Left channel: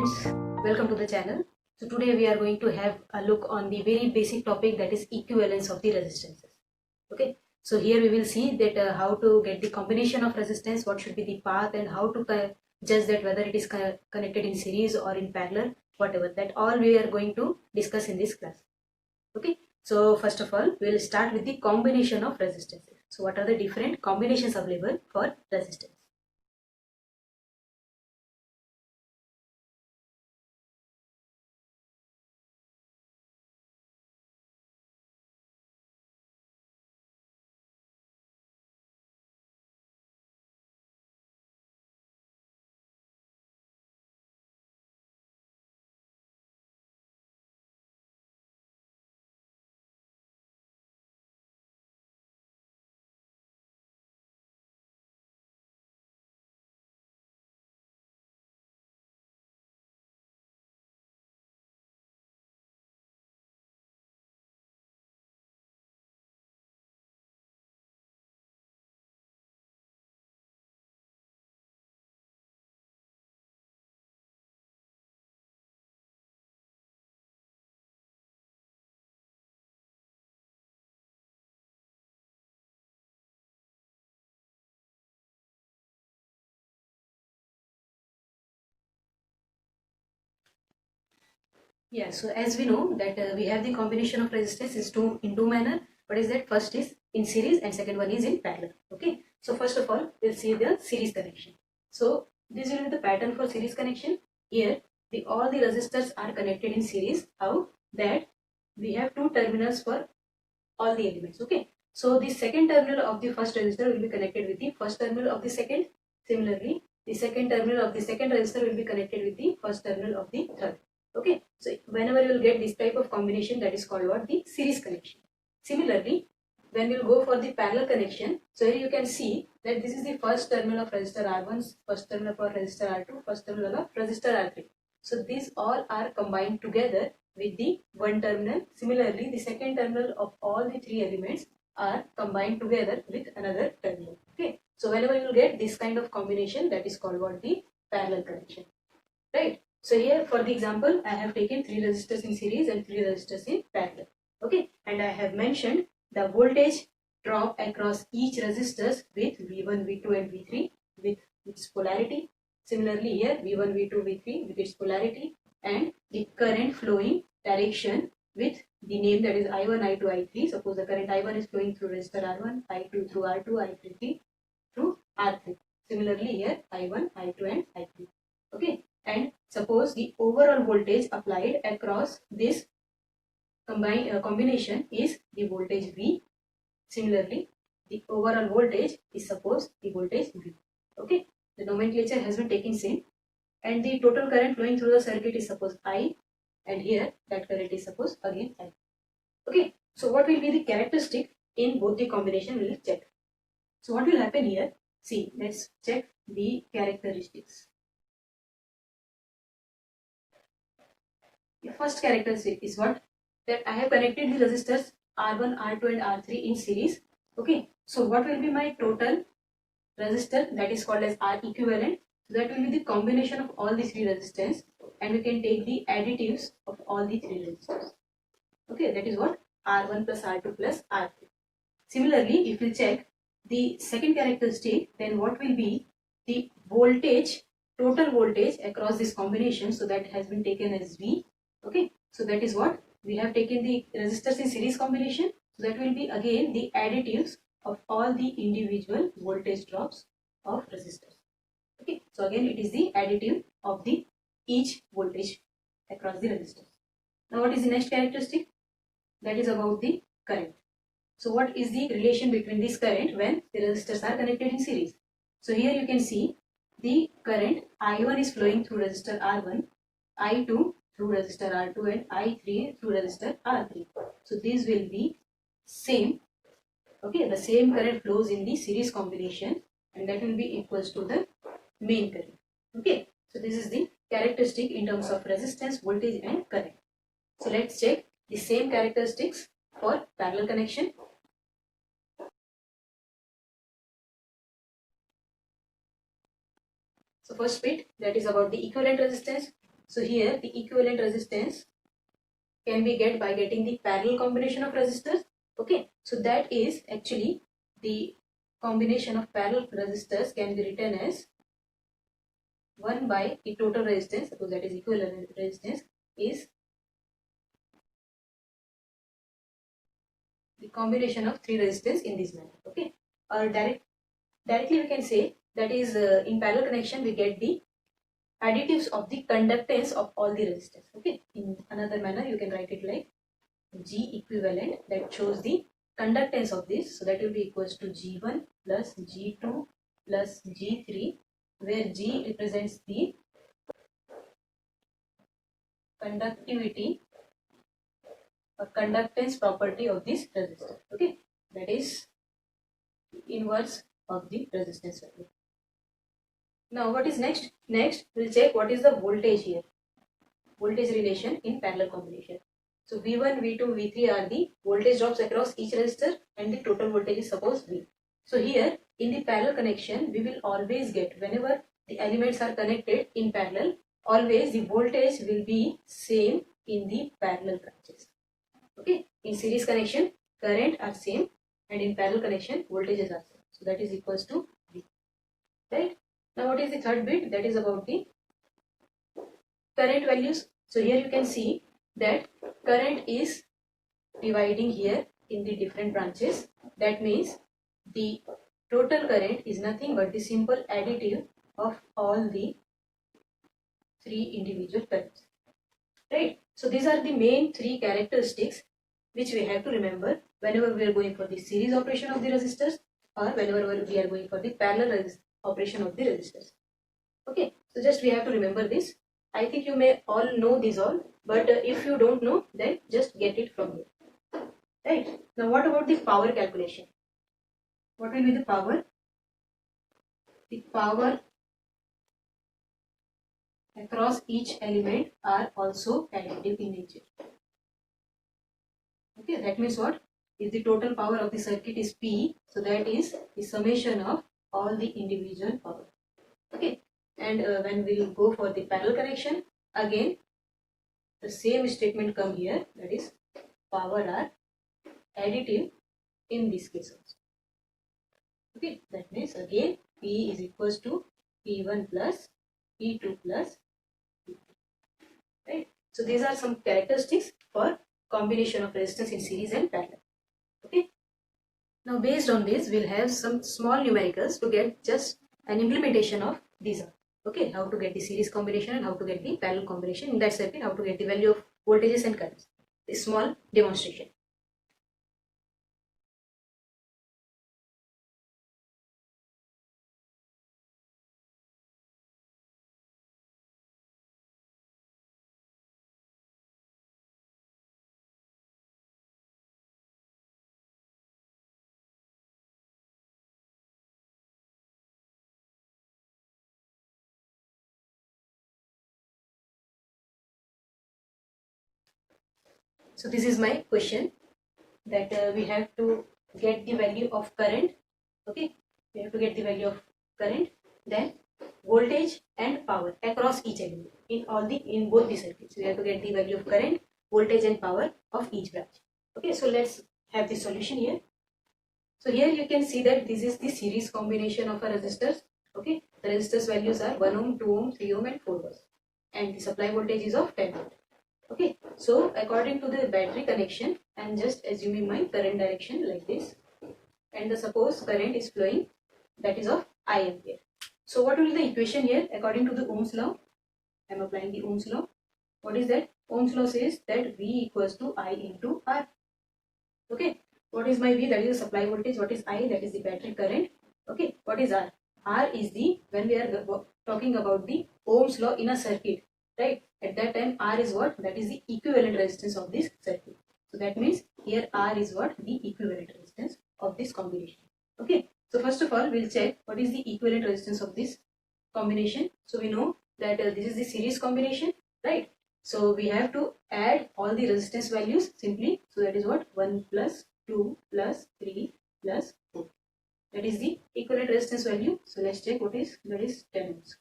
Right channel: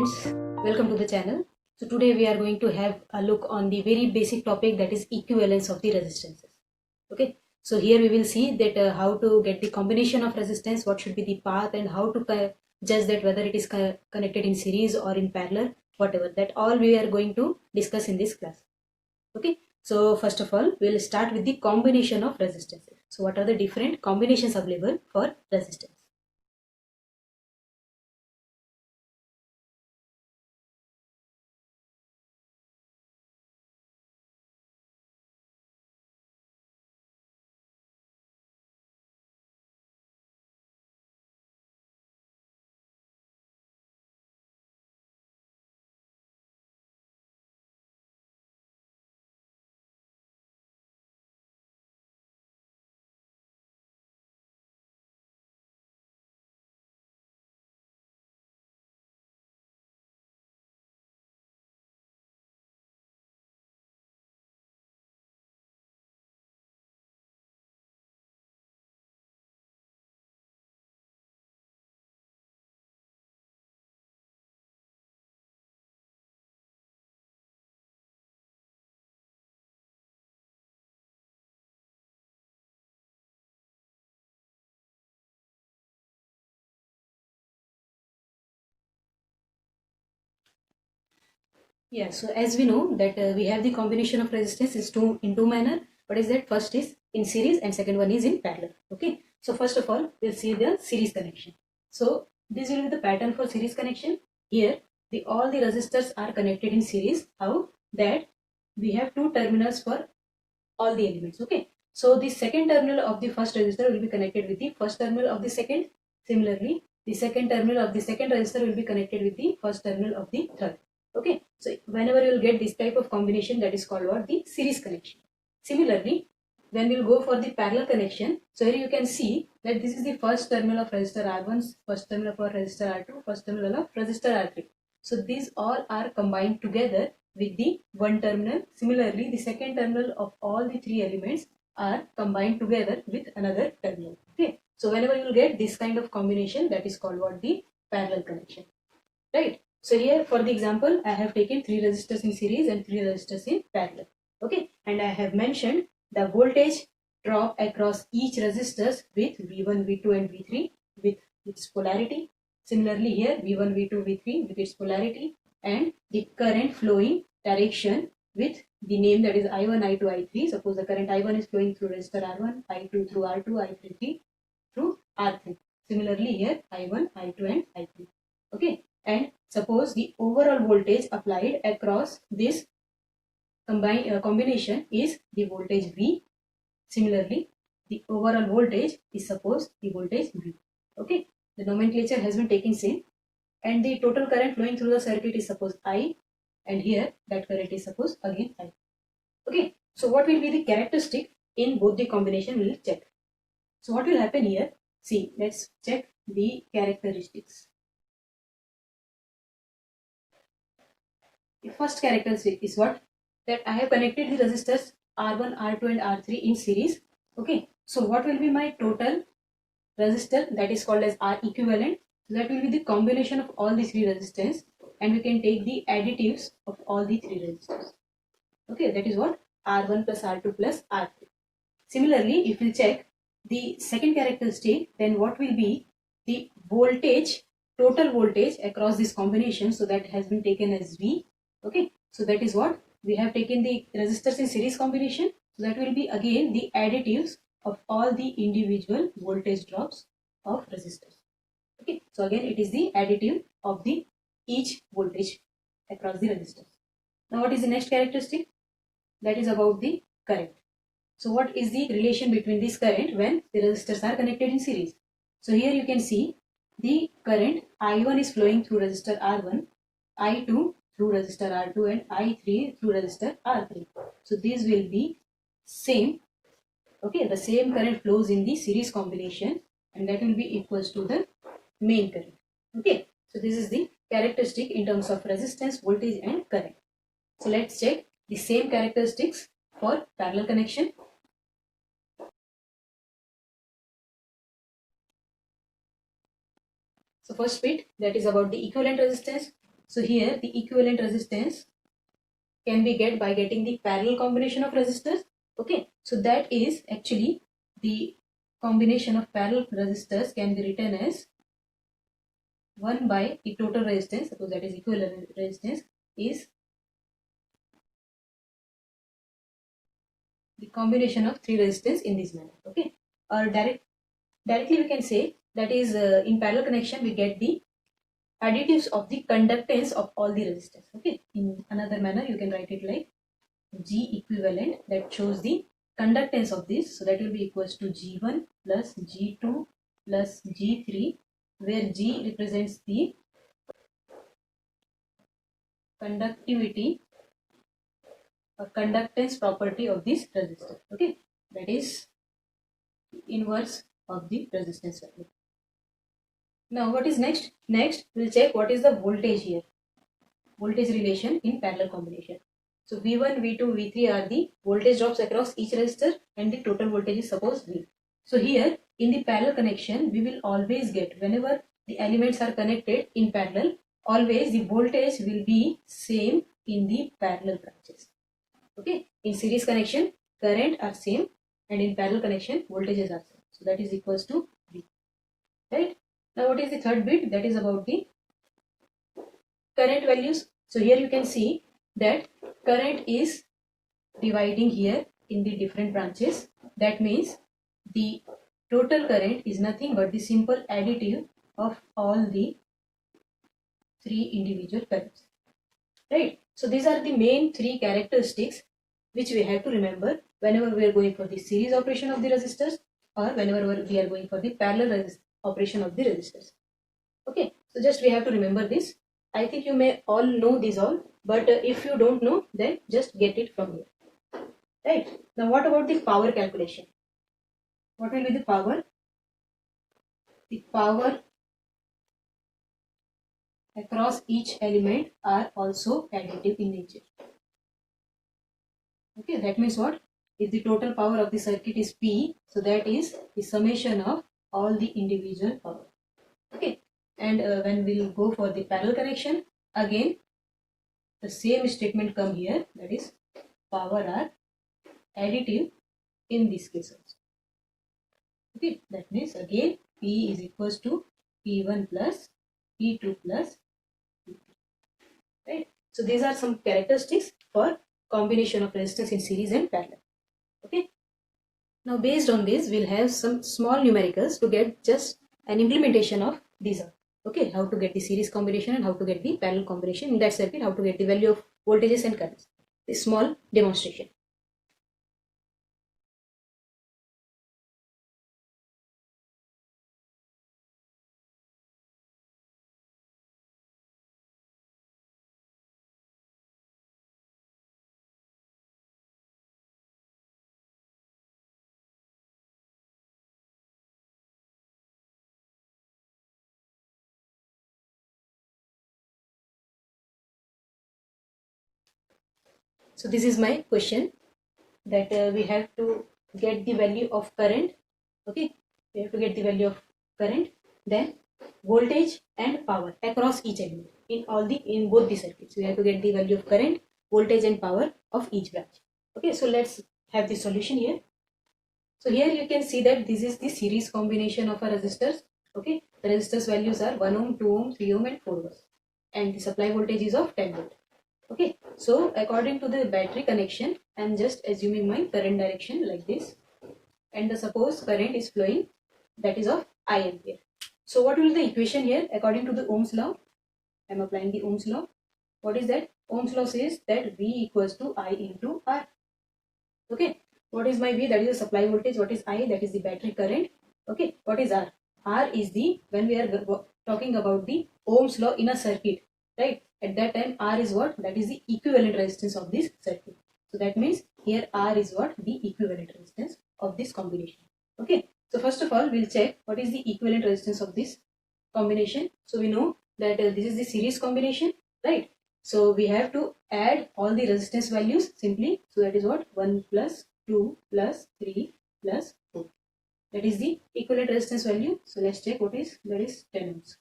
friends, welcome to the channel. So today we are going to have a look on the very basic topic, that is equivalence of the resistances. Okay, so here we will see that how to get the combination of resistance, what should be the path, and how to judge that whether it is connected in series or in parallel, whatever. That all we are going to discuss in this class. Okay, so first of all we will start with the combination of resistances. So what are the different combinations available for resistance? Yeah, so as we know that we have the combination of resistance is in two manner. What is that? First is in series and second one is in parallel. Okay. So first of all, we'll see the series connection. So this will be the pattern for series connection. Here, all the resistors are connected in series. How? That we have two terminals for all the elements. Okay. So the second terminal of the first resistor will be connected with the first terminal of the second. Similarly, the second terminal of the second resistor will be connected with the first terminal of the third. Okay, so whenever you will get this type of combination, that is called what? The series connection. Similarly, when we will go for the parallel connection, so here you can see that this is the first terminal of resistor R1, first terminal of resistor R2, first terminal of resistor R3. So these all are combined together with the one terminal. Similarly, the second terminal of all the three elements are combined together with another terminal. Okay, so whenever you will get this kind of combination, that is called what? The parallel connection, right? So here for the example, I have taken three resistors in series and three resistors in parallel. Okay, and I have mentioned the voltage drop across each resistors with V1, V2 and V3 with its polarity. Similarly here V1, V2, V3 with its polarity, and the current flowing direction with the name, that is I1, I2, I3. Suppose the current I1 is flowing through resistor R1, I2 through R2, I3 through R3. Similarly here I1, I2 and I3. Okay, and suppose the overall voltage applied across this combination is the voltage V. Similarly, the overall voltage is suppose the voltage V. Okay, the nomenclature has been taken same, and the total current flowing through the circuit is suppose I, and here that current is suppose again I. Okay, so what will be the characteristic in both the combination? We will check. So what will happen here? See, let's check the characteristics. The first characteristic is what? That I have connected the resistors R1, R2 and R3 in series. Okay, so what will be my total resistor? That is called as R equivalent. So that will be the combination of all the three resistors, and we can take the additives of all the three resistors. Okay, that is what? R1 plus R2 plus R3. Similarly, if we check the second characteristic, then what will be the voltage, total voltage across this combination? So that has been taken as V. Okay, so that is what we have taken the resistors in series combination. So that will be again the additives of all the individual voltage drops of resistors. Okay, so again it is the additive of the each voltage across the resistors. Now what is the next characteristic? That is about the current. So what is the relation between this current when the resistors are connected in series? So here you can see the current I1 is flowing through resistor R1, I2 through resistor R2 and I3 through resistor R3. So these will be same. Okay, the same current flows in the series combination, and that will be equals to the main current. Okay, so this is the characteristic in terms of resistance, voltage and current. So let's check the same characteristics for parallel connection. So first bit, that is about the equivalent resistance. So here the equivalent resistance can be get by getting the parallel combination of resistors. Okay, so that is actually the combination of parallel resistors can be written as 1 by the total resistance, suppose that is equivalent resistance, is the combination of three resistors in this manner. Okay, or directly we can say that is in parallel connection we get the additives of the conductance of all the resistors. Okay, in another manner you can write it like G equivalent, that shows the conductance of this, so that will be equals to G1 plus G2 plus G3, where G represents the conductivity or conductance property of this resistor. Okay, that is inverse of the resistance value. Now what is next? Next we'll check what is the voltage here, voltage relation in parallel combination. So V1, V2, V3 are the voltage drops across each resistor and the total voltage is suppose V. So here in the parallel connection we will always get, whenever the elements are connected in parallel, always the voltage will be same in the parallel branches. Okay, in series connection current are same and in parallel connection voltages are same. So that is equals to V. Right? Now what is the third bit? That is about the current values. So here you can see that current is dividing here in the different branches. That means the total current is nothing but the simple additive of all the three individual currents. Right? So these are the main three characteristics which we have to remember whenever we are going for the series operation of the resistors or whenever we are going for the parallel operation of the resistors. Okay, so just we have to remember this. I think you may all know these all, but if you don't know, then just get it from here. Right? Now what about the power calculation? What will be the power? The power across each element are also additive in nature. Okay, that means what? If the total power of the circuit is P, so that is the summation of all the individual power. Okay, and when we will go for the parallel connection, again the same statement come here, that is power are additive in this case also. Okay, that means again P is equals to P1 plus P2 plus P3. Right? So these are some characteristics for combination of resistance in series and parallel. Okay. Now based on this, we'll have some small numericals to get just an implementation of these are. Okay, how to get the series combination and how to get the parallel combination in that circuit, how to get the value of voltages and currents. This small demonstration. So this is my question, that we have to get the value of current. Okay, we have to get the value of current, then voltage and power across each element in both the circuits. We have to get the value of current, voltage and power of each branch. Okay, so let's have the solution here. So here you can see that this is the series combination of our resistors. Okay, the resistors values are 1 ohm, 2 ohm, 3 ohm and 4 volts, and the supply voltage is of 10 volt. Okay, so according to the battery connection, I am just assuming my current direction like this, and the suppose current is flowing, that is of I ampere. So what will be the equation here according to the Ohm's law? I am applying the Ohm's law. What is that? Ohm's law says that V equals to I into R. Okay, what is my V? That is the supply voltage. What is I? That is the battery current. Okay, what is R? R is the, when we are talking about the Ohm's law in a circuit, right? At that time R is what? That is the equivalent resistance of this circuit. So that means here R is what? The equivalent resistance of this combination. Okay, so first of all we'll check what is the equivalent resistance of this combination. So we know that this is the series combination, right? So we have to add all the resistance values simply. So that is what? 1 plus 2 plus 3 plus 4. That is the equivalent resistance value. So let's check what is, that is 10 ohms.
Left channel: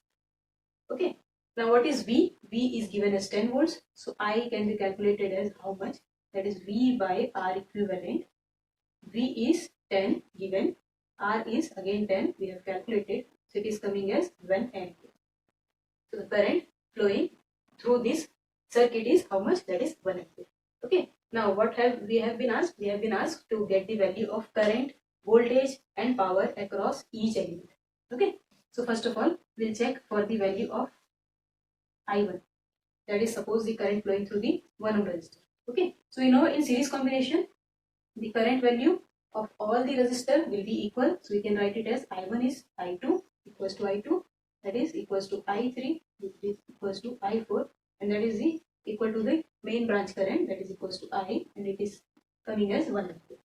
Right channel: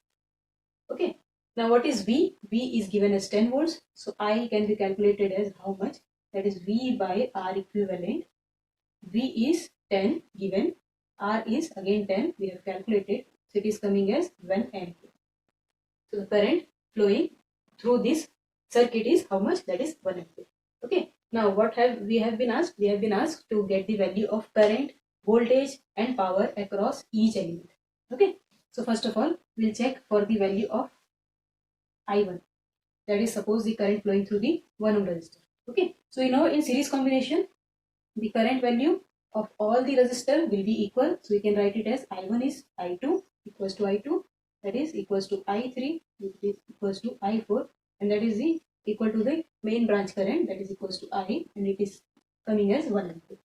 Okay. Now what is V? V is given as 10 volts. So I can be calculated as how much? That is V by R equivalent. V is 10 given. R is again 10. We have calculated. So it is coming as 1 ampere. So the current flowing through this circuit is how much? That is 1 ampere. Okay. Now what have we been asked? We have been asked to get the value of current, voltage and power across each element. Okay. So first of all, we'll check for the value of I1. That is, suppose the current flowing through the 1 ohm resistor. Okay. So you know in series combination, the current value of all the resistor will be equal. So we can write it as I1 is I2 equals to I2. That is equals to I3, which is equals to I4, and that is the equal to the main branch current, that is equals to I, and it is coming as 1 ampere.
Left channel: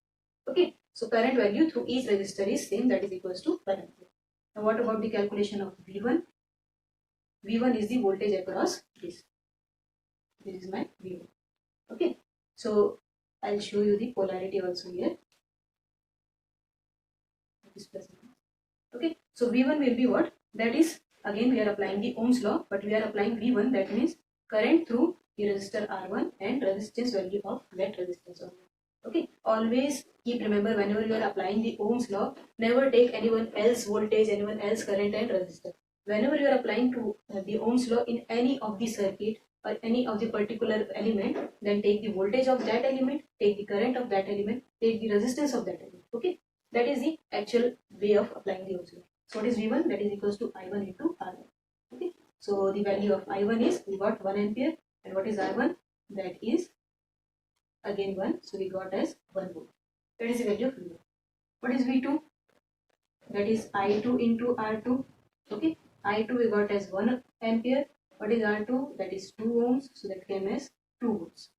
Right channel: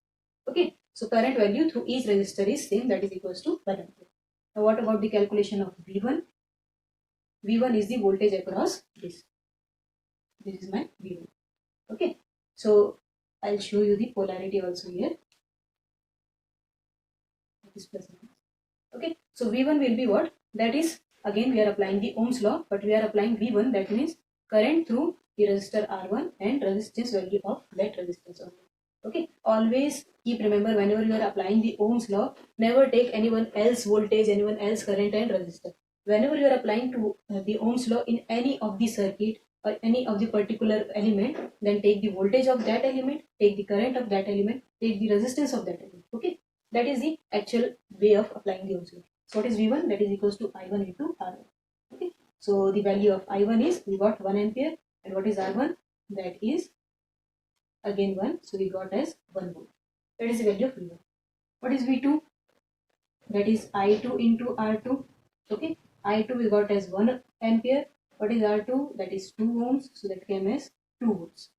Okay. So current value through each resistor is same, that is equals to 1 ampere. Now what about the calculation of V1? V1 is the voltage across this. This is my V1. Okay. So I'll show you the polarity also here. Okay. So V1 will be what? That is, again we are applying the Ohm's law, but we are applying V1, that means current through the resistor R1 and resistance value of that resistance only. Okay. Always keep remember, whenever you are applying the Ohm's law, never take anyone else voltage, anyone else current and resistor. Whenever you are applying to the Ohm's law in any of the circuit or any of the particular element, then take the voltage of that element, take the current of that element, take the resistance of that element. Okay. That is the actual way of applying the Ohm's law. So what is V1? That is equals to I1 into R1. Okay. So the value of I1 is, we got 1 ampere, and what is R1? That is again 1. So we got as 1 volt. That is the value of V1. What is V2? That is I2 into R2. Okay. I2 we got as 1 ampere. What is R2? That is 2 ohms. So that came as 2 volts.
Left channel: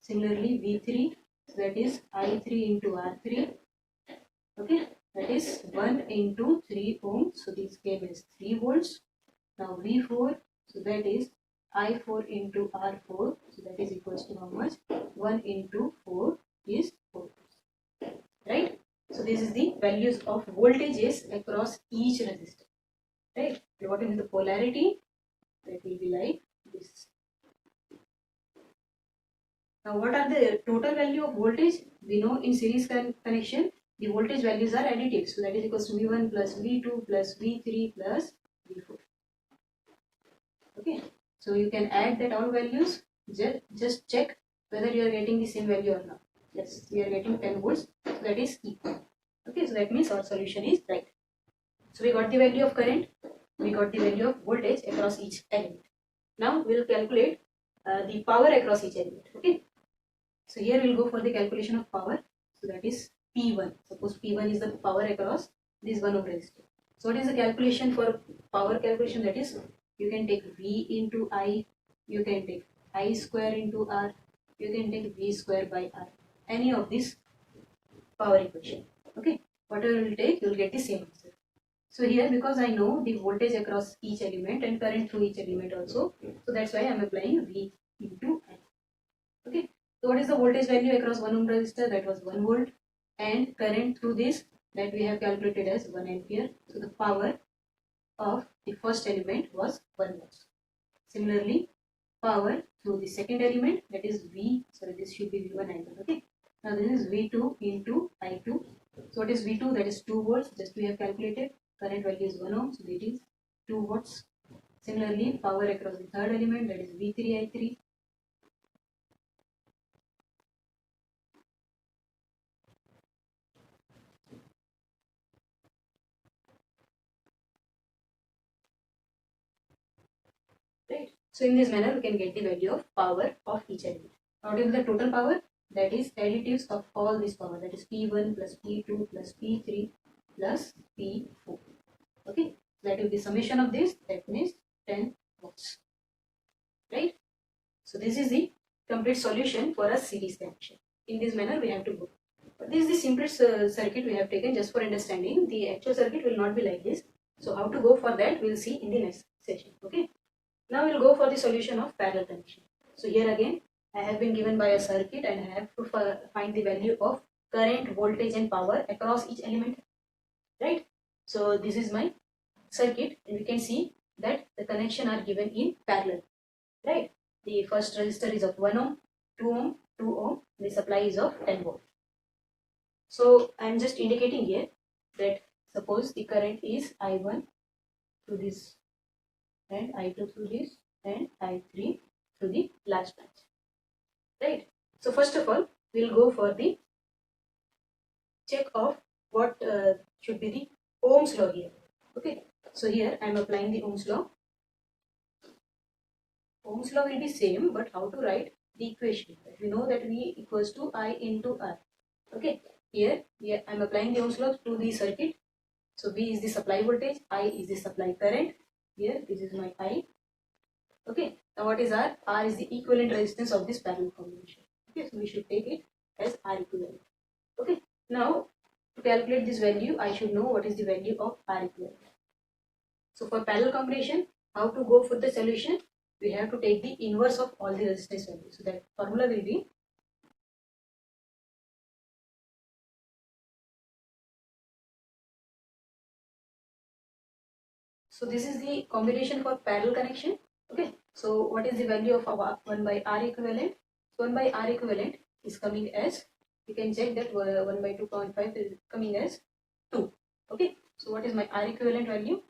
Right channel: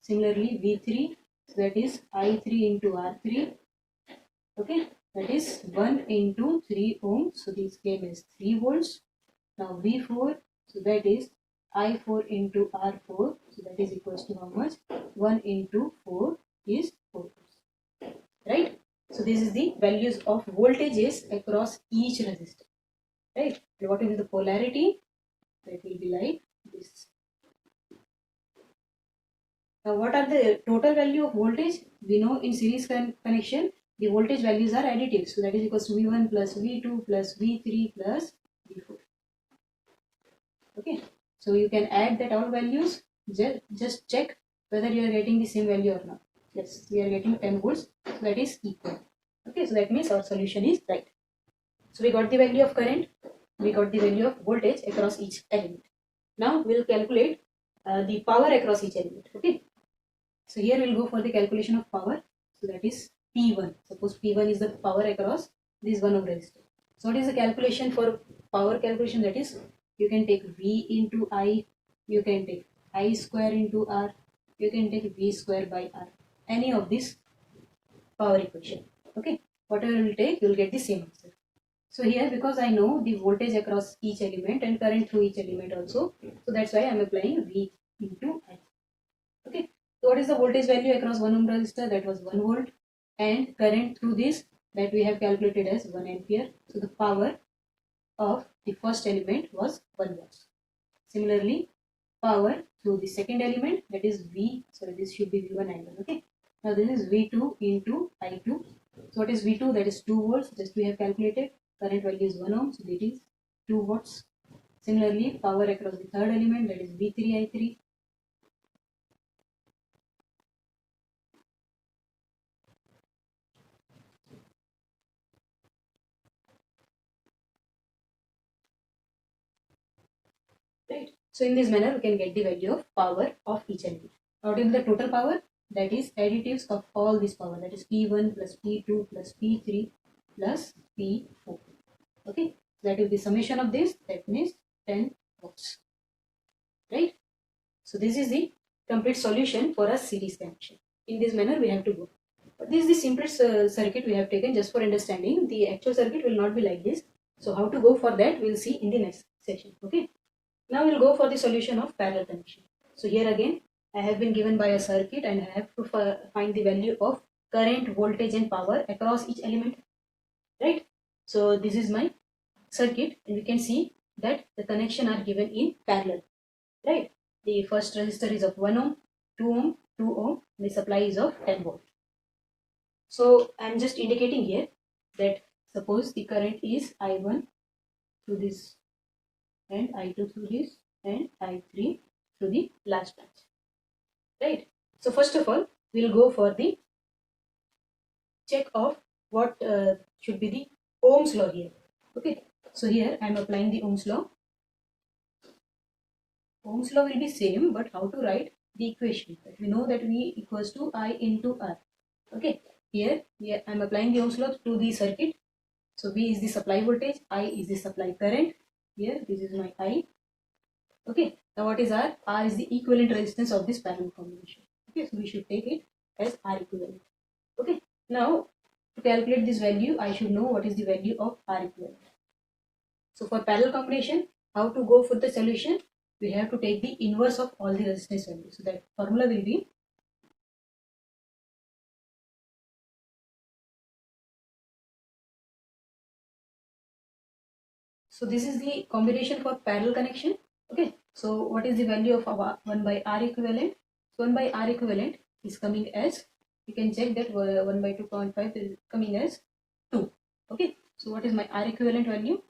Similarly, V3, so that is I3 into R3. Okay. That is 1 into 3 ohms. So this came as 3 volts. Now V4, so that is I4 into R4. So that is equals to how much? 1 into 4 is 4 volts. Right? So this is the values of voltages across each resistor. Right? And what is the polarity? That will be like this. Now what are the total value of voltage? We know in series connection, the voltage values are additive. So that is equals to V1 plus V2 plus V3 plus V4. Okay. So you can add that all values. Just check whether you are getting the same value or not. Yes, we are getting 10 volts. So that is equal. Okay. So that means our solution is right. So we got the value of current. We got the value of voltage across each element. Now we will calculate the power across each element. Okay. So here we will go for the calculation of power. So that is P1. Suppose P1 is the power across this 1 ohm resistor. So what is the calculation for power calculation? That is, you can take V into I, you can take I square into R, you can take V square by R. Any of this power equation. Okay. Whatever you will take, you will get the same answer. So here, because I know the voltage across each element and current through each element also, so that's why I am applying V into I. Okay. So what is the voltage value across 1 ohm resistor? That was 1 volt, and current through this, that we have calculated as 1 ampere. So the power of the first element was 1 watt. Similarly, power through the second element, that is V, sorry, this should be V1 I1. Okay. Now this is V2 into I2. So what is V2? That is 2 volts. Just we have calculated. Current value is 1 ohm, so it is 2 watts. Similarly, power across the third element, that is V3 I3. Right. So in this manner, we can get the value of power of each element. Now, what is the total power? That is additives of all this power. That is P1 plus P2 plus P3 plus P4. Okay. That is the summation of this. That means 10 watts. Right. So this is the complete solution for a series connection. In this manner, we have to go. But this is the simplest circuit we have taken just for understanding. The actual circuit will not be like this. So how to go for that, we will see in the next session. Okay. Now we will go for the solution of parallel connection. So here again, I have been given by a circuit and I have to find the value of current, voltage and power across each element. Right. So this is my circuit, and you can see that the connection are given in parallel, right? The first resistor is of 1 ohm, 2 ohm, 2 ohm, the supply is of 10 volt. So I am just indicating here that suppose the current is I1 through this and I2 through this and I3 through the last branch, right? So first of all, we'll go for the check of what should be the Ohm's law here. Okay, so here I am applying the Ohm's law. Ohm's law will be same, but how to write the equation? We know that V equals to I into R. Okay, here I am applying the Ohm's law to the circuit. So V is the supply voltage, I is the supply current. Here this is my I. Okay, now what is R? R is the equivalent resistance of this parallel combination. Okay, so we should take it as R equivalent. Okay, now to calculate this value, I should know what is the value of R equivalent. So for parallel combination, how to go for the solution? We have to take the inverse of all the resistance values. So that formula will be so this is the combination for parallel connection. Okay, so what is the value of our 1 by R equivalent? 1 by R equivalent is coming as, you can check that 1 by 2.5 is coming as 2. Okay, so what is my R equivalent value?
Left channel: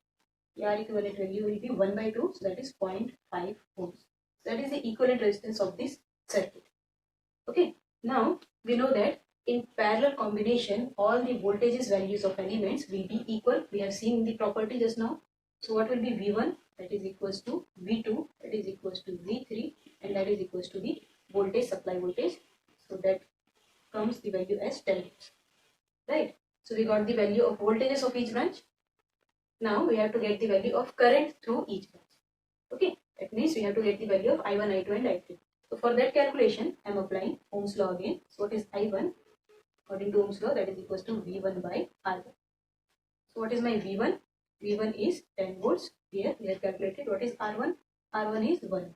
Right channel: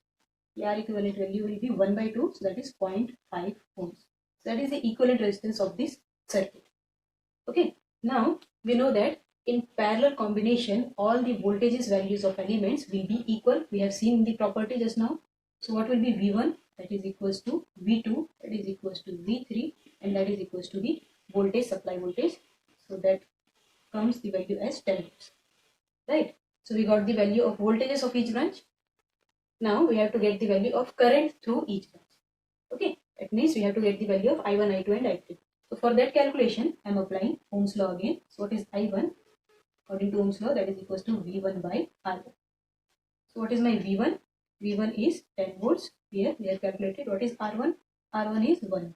The R equivalent value will be 1 by 2, so that is 0.5 ohms. So that is the equivalent resistance of this circuit. Okay, now we know that in parallel combination, all the voltages values of elements will be equal. We have seen the property just now. So what will be V1? That is equals to V2, that is equals to V3, and that is equals to the voltage, supply voltage. So that comes the value as 10 volts. Right? So we got the value of voltages of each branch. Now we have to get the value of current through each branch. Okay, that means we have to get the value of I1, I2 and I3. So for that calculation, I am applying Ohm's law again. So what is I1? According to Ohm's law, that is equals to V1 by R1. So what is my V1? V1 is 10 volts. Here we have calculated what is R1. R1 is 1.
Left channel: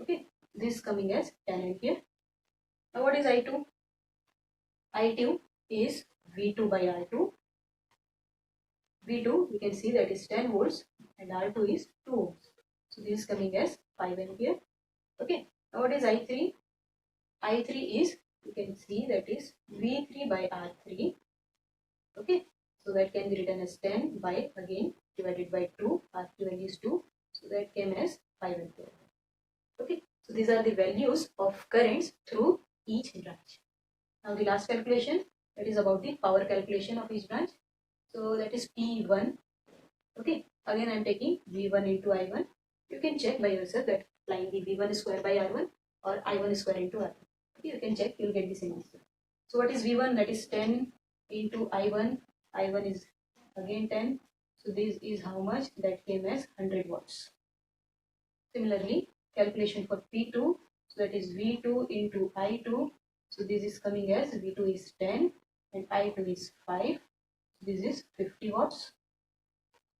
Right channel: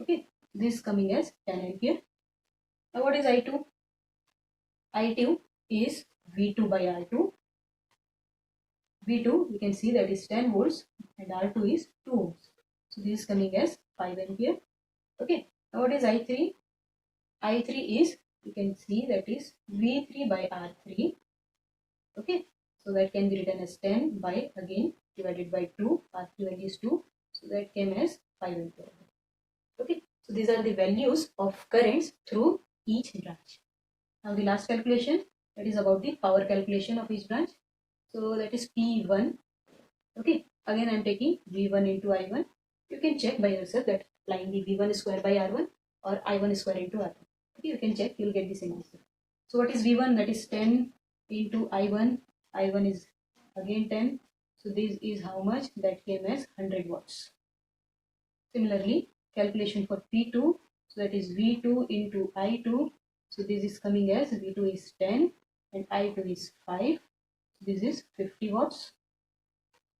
Okay, this is coming as 10 ampere. Now what is I2? I2 is V2 by R2. V2 we can see that is 10 volts and R2 is 2 ohms. So this is coming as 5 ampere. Okay, now what is I3? I3 is, you can see that is V3 by R3. Okay, so that can be written as 10 by again divided by 2. R3 value is 2. So that came as 5 ampere. Okay, so these are the values of currents through each branch. Now the last calculation, that is about the power calculation of each branch. So that is P1. Okay, again I am taking V1 into I1. You can check by yourself that applying the V1 square by R1 or I1 square into R1. Okay, you can check, you will get the same answer. So what is V1? That is 10 into I1. I1 is again 10. So this is how much? That came as 100 watts. Similarly, calculation for P2. So that is V2 into I2. So this is coming as V2 is 10 and I2 is 5. This is 50 watts.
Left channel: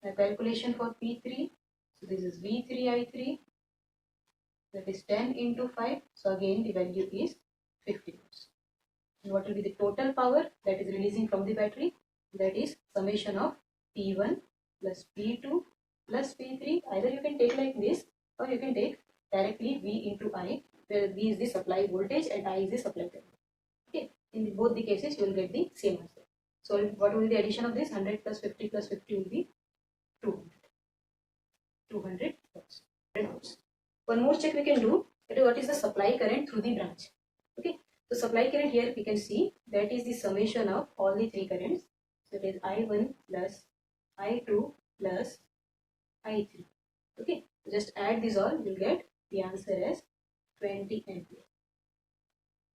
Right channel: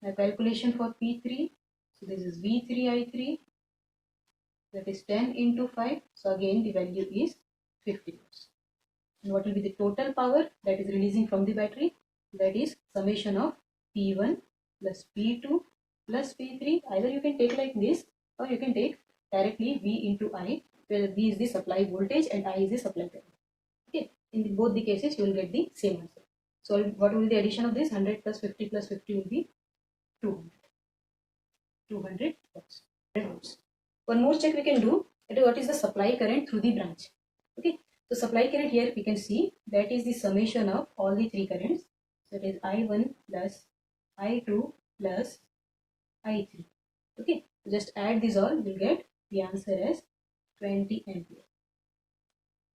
Now calculation for P3. So this is V3I3. That is 10 into 5. So again the value is 50 watts. And what will be the total power that is releasing from the battery? That is summation of P1 plus P2 plus P3. Either you can take like this or you can take directly V into I, where V is the supply voltage and I is the supply current. Okay, in both the cases you will get the same answer. So what will be the addition of this? 100 plus 50 plus 50 will be 200. 200 watts. One more check we can do, that is what is the supply current through the branch. Okay, so supply current here we can see that is the summation of all the three currents. So it is I1 plus I2 plus I3. Okay, so just add these all, you will get the answer as 20 ampere.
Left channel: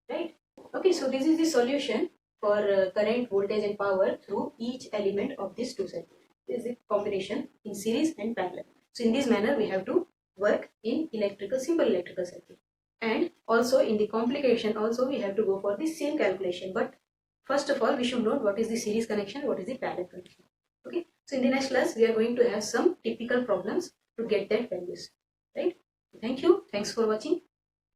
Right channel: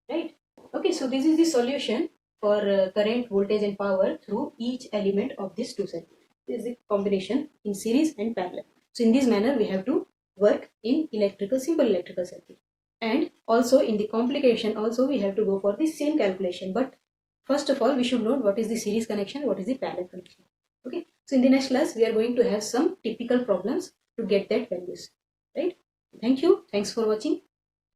Right? Okay, so this is the solution for current, voltage and power through each element of this two circuits. This is the combination in series and parallel. So in this manner we have to work in simple electrical circuit. And also in the complication also we have to go for the same calculation. But first of all we should know what is the series connection, what is the parallel connection. Okay, so in the next class we are going to have some typical problems to get that values. Right? Thank you. Thanks for watching.